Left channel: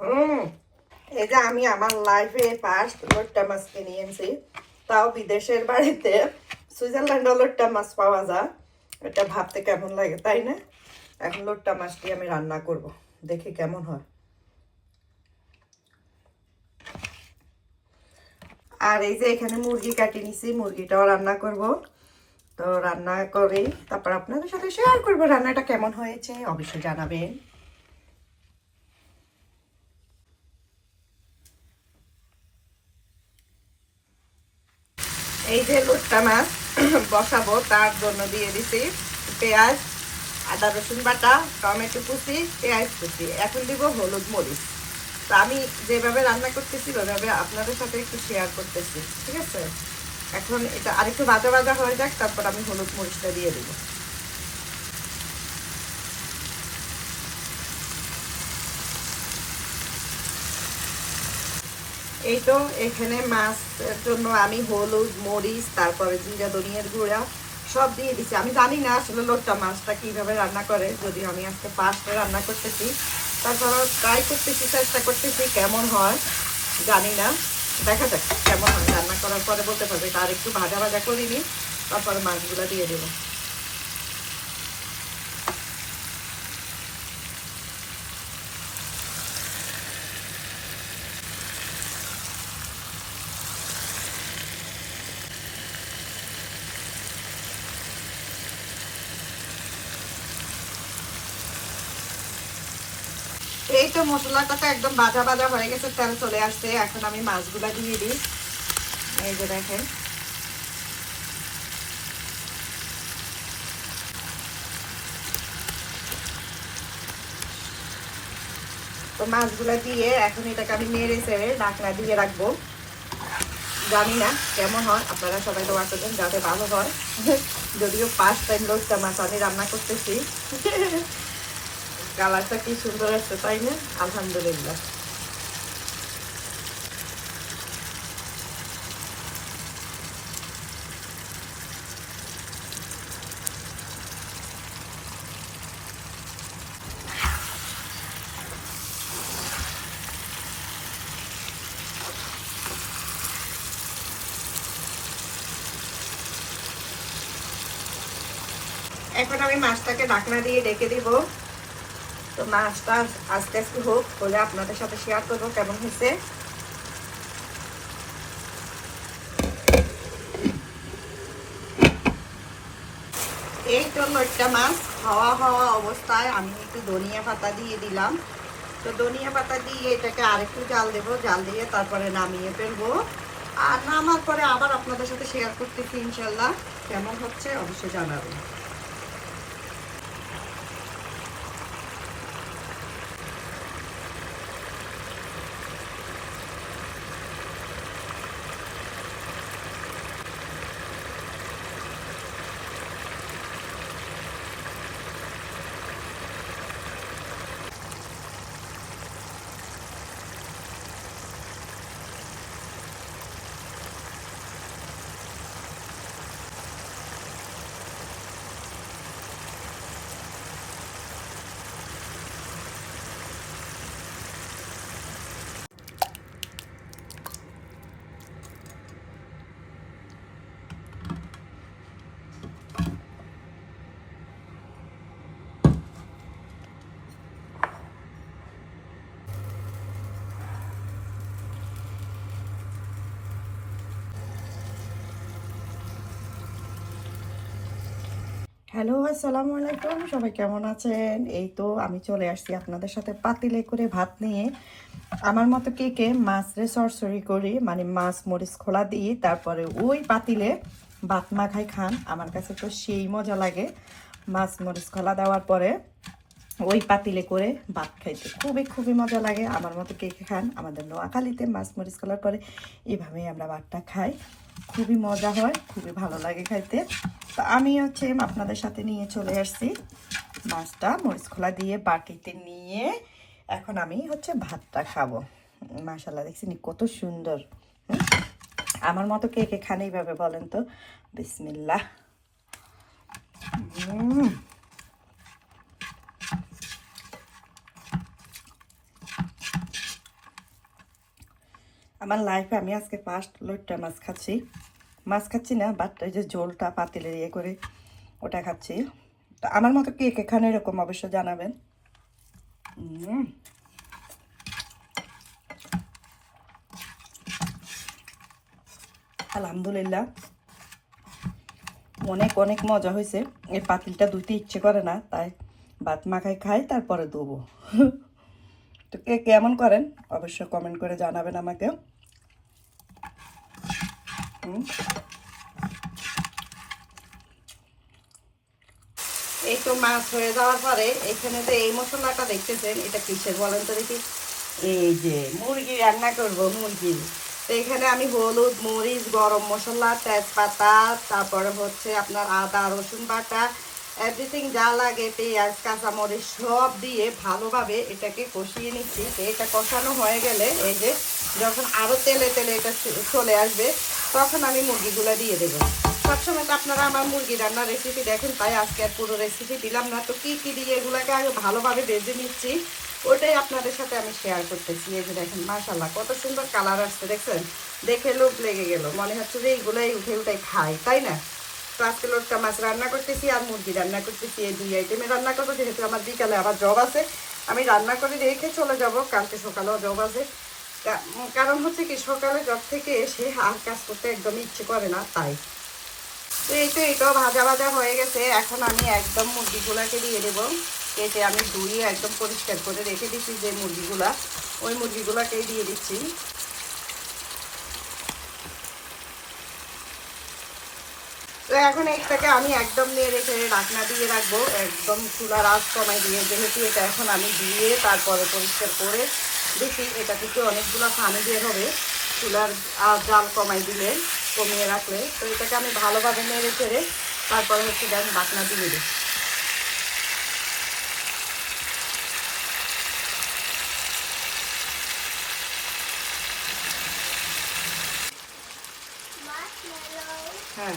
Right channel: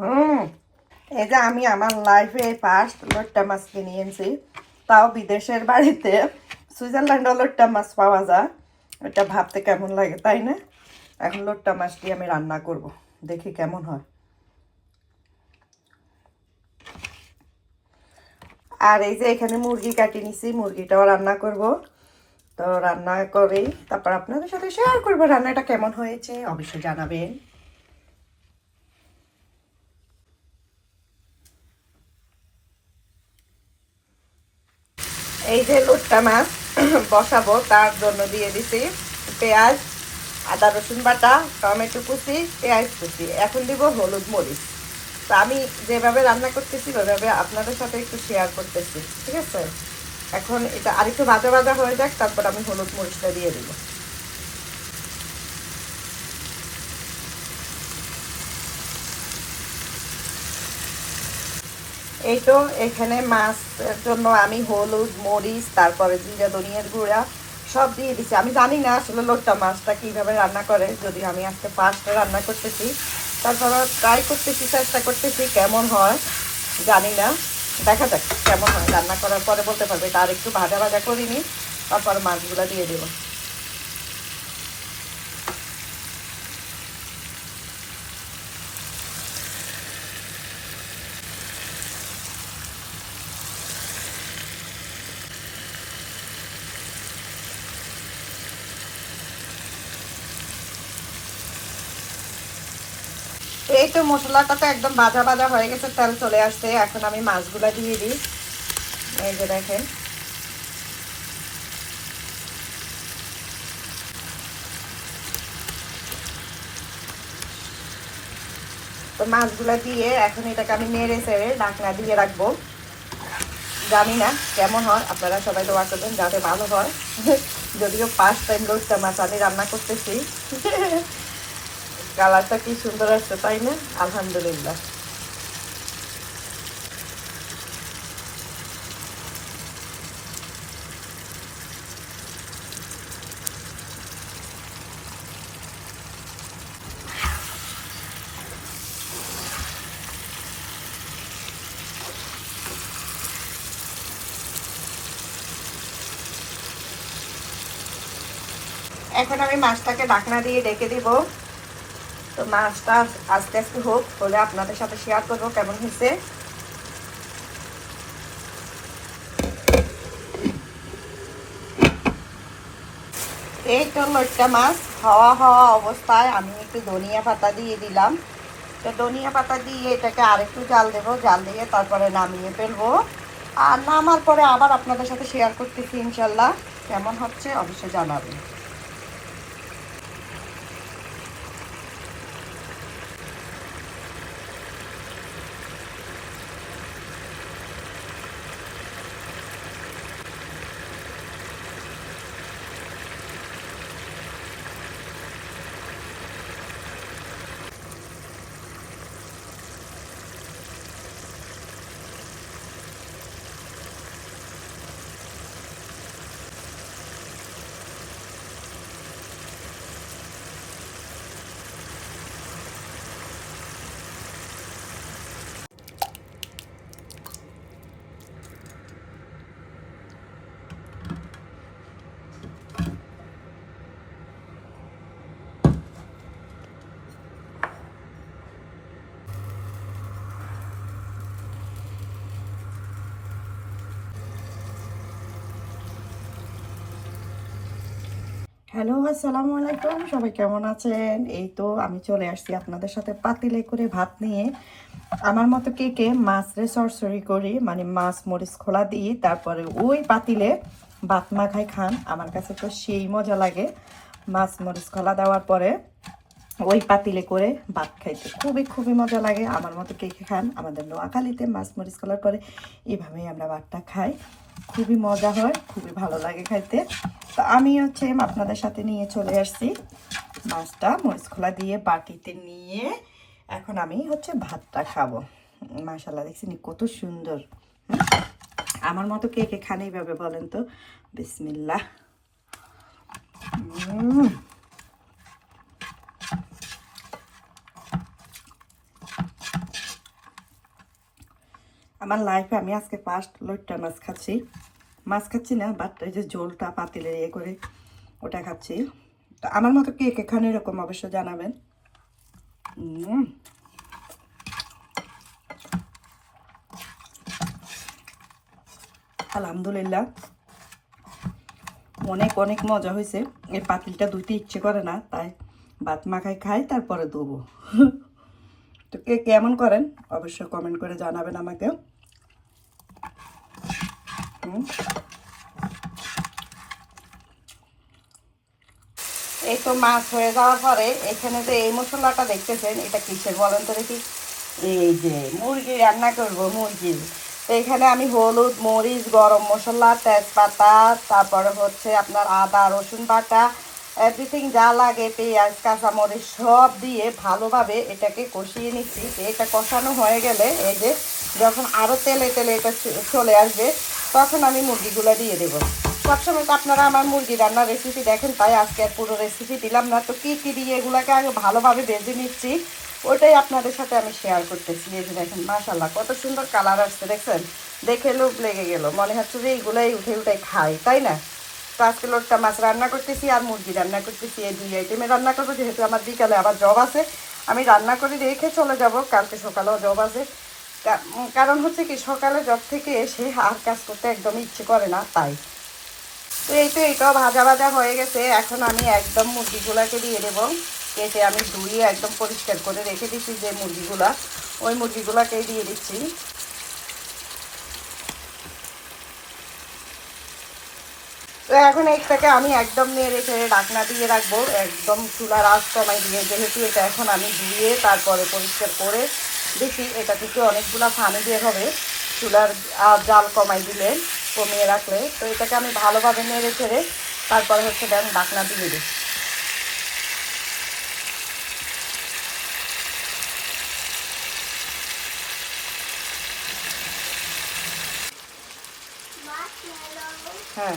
হুম এই যে আমি আমার লাইফে ফার্স্ট লোট্টা মাছ কিনে এনেছি, তাও বিদেশের বাড়িতে। সুইজারল্যান্ড লোট্টা মাছ পাওয়া যায়। এটা ভাবতে কেমন লাগে, তাই না? এখন লোট্টা মাছটি আমি রান্না করব, দেখি কেমন হয়। আর এই যে এখানে মুরগি কাটি নিছি, মুরগিটাও রান্না করব। তো রান্না করে, তারপর আপনাদের সাথে শেয়ার করব রান্নাটা কেমন হয়েছে, অবশ্যই জানাবেন। এই যে লুটটা মাছ বসাবো, তার জন্য দিয়ে দিছি পেঁয়াজ, আদা, রসুন বাটা, টমেটো কুচি, পেঁয়াজ কুচি। এখন দিব হলুদ মরিচ। তো আমি যেভাবে রান্না করতেছি, ওইভাবে আপনাদের সাথে একটু শেয়ার করতেছি, ঠিক আছে? এখন এটা আরেকটু ভাজা ভাজা হয়ে যাক, তারপর আমি হলুদ মরিচটা দিয়ে দিব। এই তো এখানে মাছের জন্য আমি হলুদ, মরিচ, তারপরে জিরা, ধনিয়ার গুঁড়া সব দিয়ে দিচ্ছি আমি জানি না আসলে লোকটা মাছটা কীভাবে রান্না করে, যদি আমি আজকে ফার্স্টে রান্না করতেছি তারপর ট্রাই করতেছি, চেষ্টা করতেছি, কেমন হয় জানি না। দেখা যাক কেমন হয় রান্না করার পরে বলতে পারবে, তার একটু ভাজা ভাজা করিনি, তারপর মাছগুলো দিয়ে দেবো এই তো মশলাটা তো একদম ভাজা ভাজা হয়ে গেছে তেল চলে আসছে। এখন আমি মাছগুলা দিয়ে দিই। এই যে দেখেন। তো মাছগুলা দিয়ে এখন এটাকে আমি নেড়ে চেড়ে ঢাকনা দিয়ে রাখব। জানি না কেমন হয়, আপনারা সবাই দোয়া করবেন যাতে ভালো হয়। যদিও ফার্স্ট টাইম লোকটা মাছ আমি রান্না করতেছি। কালারটা কি সুন্দর আসছে তাই না? আলহামদুলিল্লাহ। এখন আমি মাছটাকে ঢাকনা দিয়ে ডেকে দিব। তো মাছটা আস্তে আস্তে হোক, হলে আপনাদের সাথে শেয়ার করব কেমন হয়েছে। এই তো লইট্টা মাছ হাওয়া হাওয়া অবস্থায় আমি একটু ধনিয়া পাতা দিয়ে দিলাম। তো ধনিয়া পাতা দিয়ে এটাকে আরেকটু জাল দেবো, জাল দিয়ে তারপরে নামিয়ে ফেলব। আর নামার পরে আবার আপনাদের সাথে শেয়ার করতেছি, ইনশাল্লাহ। কেমন হচ্ছে অবশ্যই জানাবেন। হ্যালো, আসসালামু আলাইকুম। সবাই কেমন আছেন? এই তো আমি চলে আসছি আপনাদের সাথে পাতিলে করে ভাত নিয়ে। আমার মতো কে কে মাছ রে সরসরি করি মানে মাছ মরিচ খোলা দিই, তারপরে ওই পাতিলে ভাত মাখাই খান। আমার কাছে তো সেই মজা লাগে মাছ মরিচ খোলা দেওয়ার পরে। ওই পাতিলে করে ভাত খাইতে। খুবই খুবই মজা লাগে। আমার মতো কে খান, আমাদের নোয়াখালীতে মাছ মরিচ খোলার পরে এভাবেই আমরা ভাতটা খাই। খুবই মজা হয়, খুবই ভালো লাগে খাইতে। তো আমি হচ্ছে আপনাদের সাথে নিয়ে চলে আসছি মাছটা, মরিচ খোলা দিয়ে বাটিতে নিয়ে এখন আমি হচ্ছে ভাতটা খাব। মাশাল্লাহ দেখছি কত সুন্দর। আমার মতো কে কে খান এইভাবে বলেন তো? বিসমিল্লাহ। আমার লাইফে আমি আজকে ফার্স্ট লইট্টা মাছ খাচ্ছি। মাছ খাচ্ছি না বাট এই যে ঝোলটা পাতিলে ইয়ে করে ওটা খাচ্ছি। তো আমার মতো কে কে খান এরকম অবশ্য জানাবেন। আলহামদুলিল্লাহ। অনেক অনেক মজা হয়েছে এই পাতিলটা ধুতে ইচ্ছে করে না, তাই ভাত মাখায় খাই, তারপরে দেবো তো কে কেমন করেন অবশ্যই কমেন্ট করে জানাবেন আমাকে। এই তো মাছ হয়ে যাওয়ার পরে এখানে যে এই মশলাটা দেখতেছেন, এটা কিসের বলেন তো দেখি? এই যে মুরগি রান্না করব, মুরগি। তো এখানে আমি হলুদ, মরিচ, গরম মশলা, তেজপাতা, তারপরে হচ্ছে আপনার আদা, রসুন বাটা এভরিথিং যা লাগে, পেঁয়াজ, কাঁচামরিচ, সব দিয়ে ভালোভাবে এটাকে কষিয়ে নিচ্ছি। এটা কষানো হয়ে গেলে এই যে যখন আরও তেলে তেলে এটা চলে আসবে তখন আমি মুরগিগুলো দিয়ে দেবো। সবসময় তো আপনারা আমার মুরগি রান্নার রেসিপি দেখেন, তাই আজকে আর পুরো রেসিপি দিলাম না। তো কী কী দিয়ে এগুলোকে আগে ভালোভাবে ভেজে নিচ্ছি, ওটাই আপনাদের সাথে আমি শেয়ার করতেছি। এই যে দেখেন মাশাল্লাহ কত সুন্দর কালার আসছে, দেখছেন? দেখে লোভ লেগে গেল। মনে হচ্ছে যে এইগুলাই উঠে উঠে খাই, তাই না? তো আজকে লোটটা মাছ রান্না করতেছি আর মুরগি রান্না করতেছি, এই দুই আইটেমে রান্না করব। যেহেতু আমার বিকালে আবার জব আছে, আমি রান্না করে রেখে চলে যাব। কালকে সকালেও জব আছে। কারণ হচ্ছে কি, সকালে জব থেকে এসে আর কাজ করতে একদম ইচ্ছে করে না, তাই। তো এই তো এটাও ভাজা ভাজা হয়ে গেছে। এখন আমি একদম মুরগিগুলাকে দিয়ে দেবো। কেটে আমি ধুয়ে একদম পরিষ্কার করে রেখে দিচ্ছি যে মুরগিগুলা, ওই মুরগিগুলাকেই দিয়ে দিচ্ছি। তো এখন একটাকে আমি একদম নিয়ে রেখে ঢাকনা দিয়ে রাখব। একদম চুলার আঁচ দিয়ে, যেহেতু এটা এখন আমি দিয়ে তারপরে পরিষ্কার করে দেখি, এটা থেকে অনেকগুলো পানি বের হবে। চুলার জাল কমাই দিলে, কমিয়ে রাখলে। তো এটাকে আমি ভালোভাবে নেড়ে ছেড়ে তারপরে হচ্ছে আমি ঢাকনা দিয়ে দিই। হ্যাঁ।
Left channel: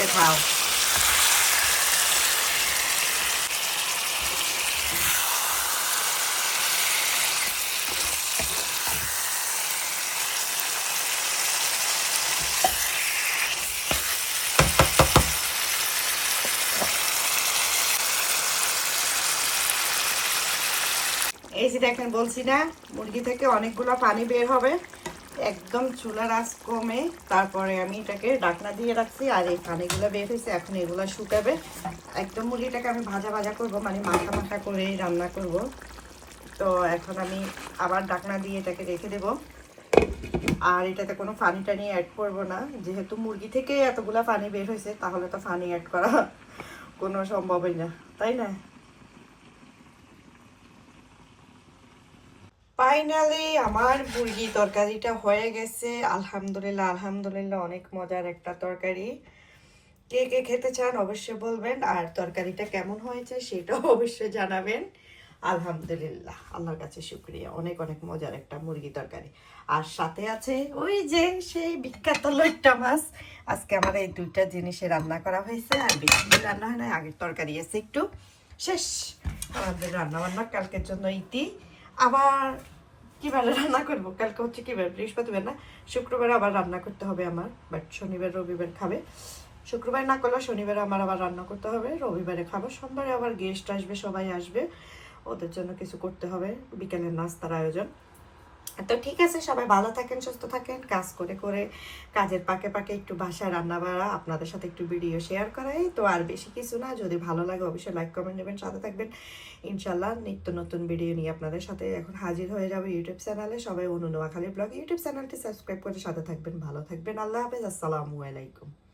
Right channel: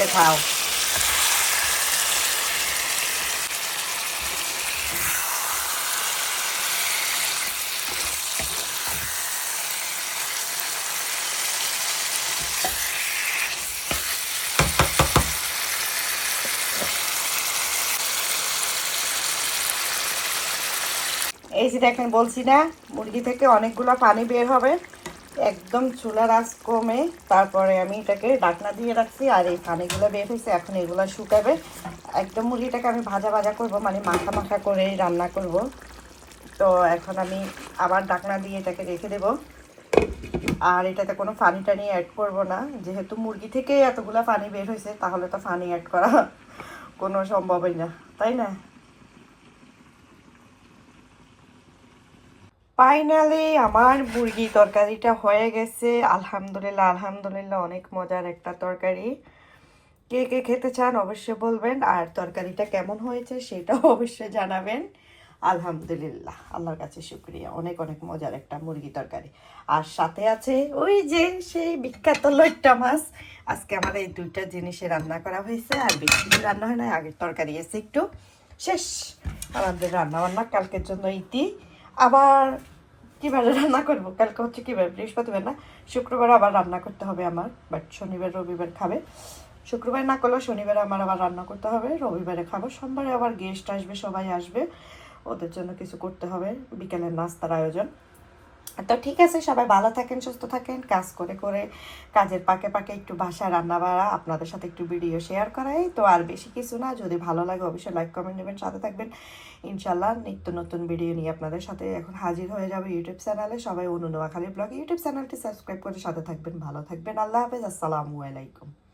দেখাও এই যে দেখেন বলছি না মুরগি থেকে অনেকগুলো পানি বের হবে। একদম চুলার আঁচ কমে, তারপরে আমি এটাকে ডাকনা দিয়ে রাখছি, আর এই পানিগুলো বের হয়েছে, এখন এগুলো শুকাবে। একদম মুরগিটাকে আমি ভাজা ভাজা করব মানে মাখা মাখা করে রান্না করব। তো এখন আমি আবার ডাকনা দিয়ে এটাকে রেখে দেব। আর এটাতে কোনো পানি টানি অ্যাড করব না। যেহেতু মুরগি থেকে এতগুলা পানি বের হয়েছে, তাহলে তো পানি অ্যাড করা কোনো সম্ভবই না, তাই না? ফাইনালি আমার মুরগি তরকারিটা হয়ে গেছে। আলহামদুলিল্লাহ আলহামদুলিল্লাহ, অনেক মজার একটা তরকারি। কে কে খেতে চান অবশ্যই বলবেন, আর তরকারিটা কেমন হয়েছে সেটাও অবশ্যই জানাবেন। আলহামদুলিল্লাহ, আল্লাহর কাছে শুক্রিয়া, অনেক অনেক মজার একটা মুরগি তরকারি। আর সাথে আছে ওই যে সেই বিখ্যাত লইট্টা মাছ। আজকে আমার এই দুইটা জিনিসে রান্না করা হয়েছে, আর বেশি রান্না হয় না আগের তরকারি এসে একটু। শেষ, আমাদের রান্না বান্না কালকের জন্য ইতি। আবার কীভাবে রান্না করব? কালকে হচ্ছে কীভাবে বৃহস্পতিবার না? শুক্রবার আবার রান্না করতে হবে আমার বাট শনিবার, রবিবার খাবে। শুক্রবার না করলেও শনিবার আমার আবার রান্না করতে হবে, রবিবারে খাব। সোমবারে আবার গেস্ট আসবে, সবাই আসবে। ওদের জন্য কিছু করতে হবে। বিকেলের নাস্তার আয়োজন। তো ঠিক আছে সবাই ভালো থাকেন সুস্থ থাকেন কাজ করে করে কাজের পাকে পাকে একটু বাসায় রান্না বাড়া আপনাদের সাথে একটু ভিডিও শেয়ার করাই তো আর বেশি কিছু না যদি ভালো লাগে অবশ্যই লাইক কমেন্ট নেবেন সাথে থাকবেন ইনশাল্লাহ নিত্য নতুন ভিডিও নিয়ে আপনাদের সাথে এখন হাজির হয়ে যাবে ইউটিউব চ্যানেলে সবাই অনু নোয়াখালী ব্লগ ইউটিউব চ্যানেলটি সাবস্ক্রাইব করে সাথে থাকবেন ভালো থাকবেন আল্লাহ হাফেজ আসসালামু আলাইকুম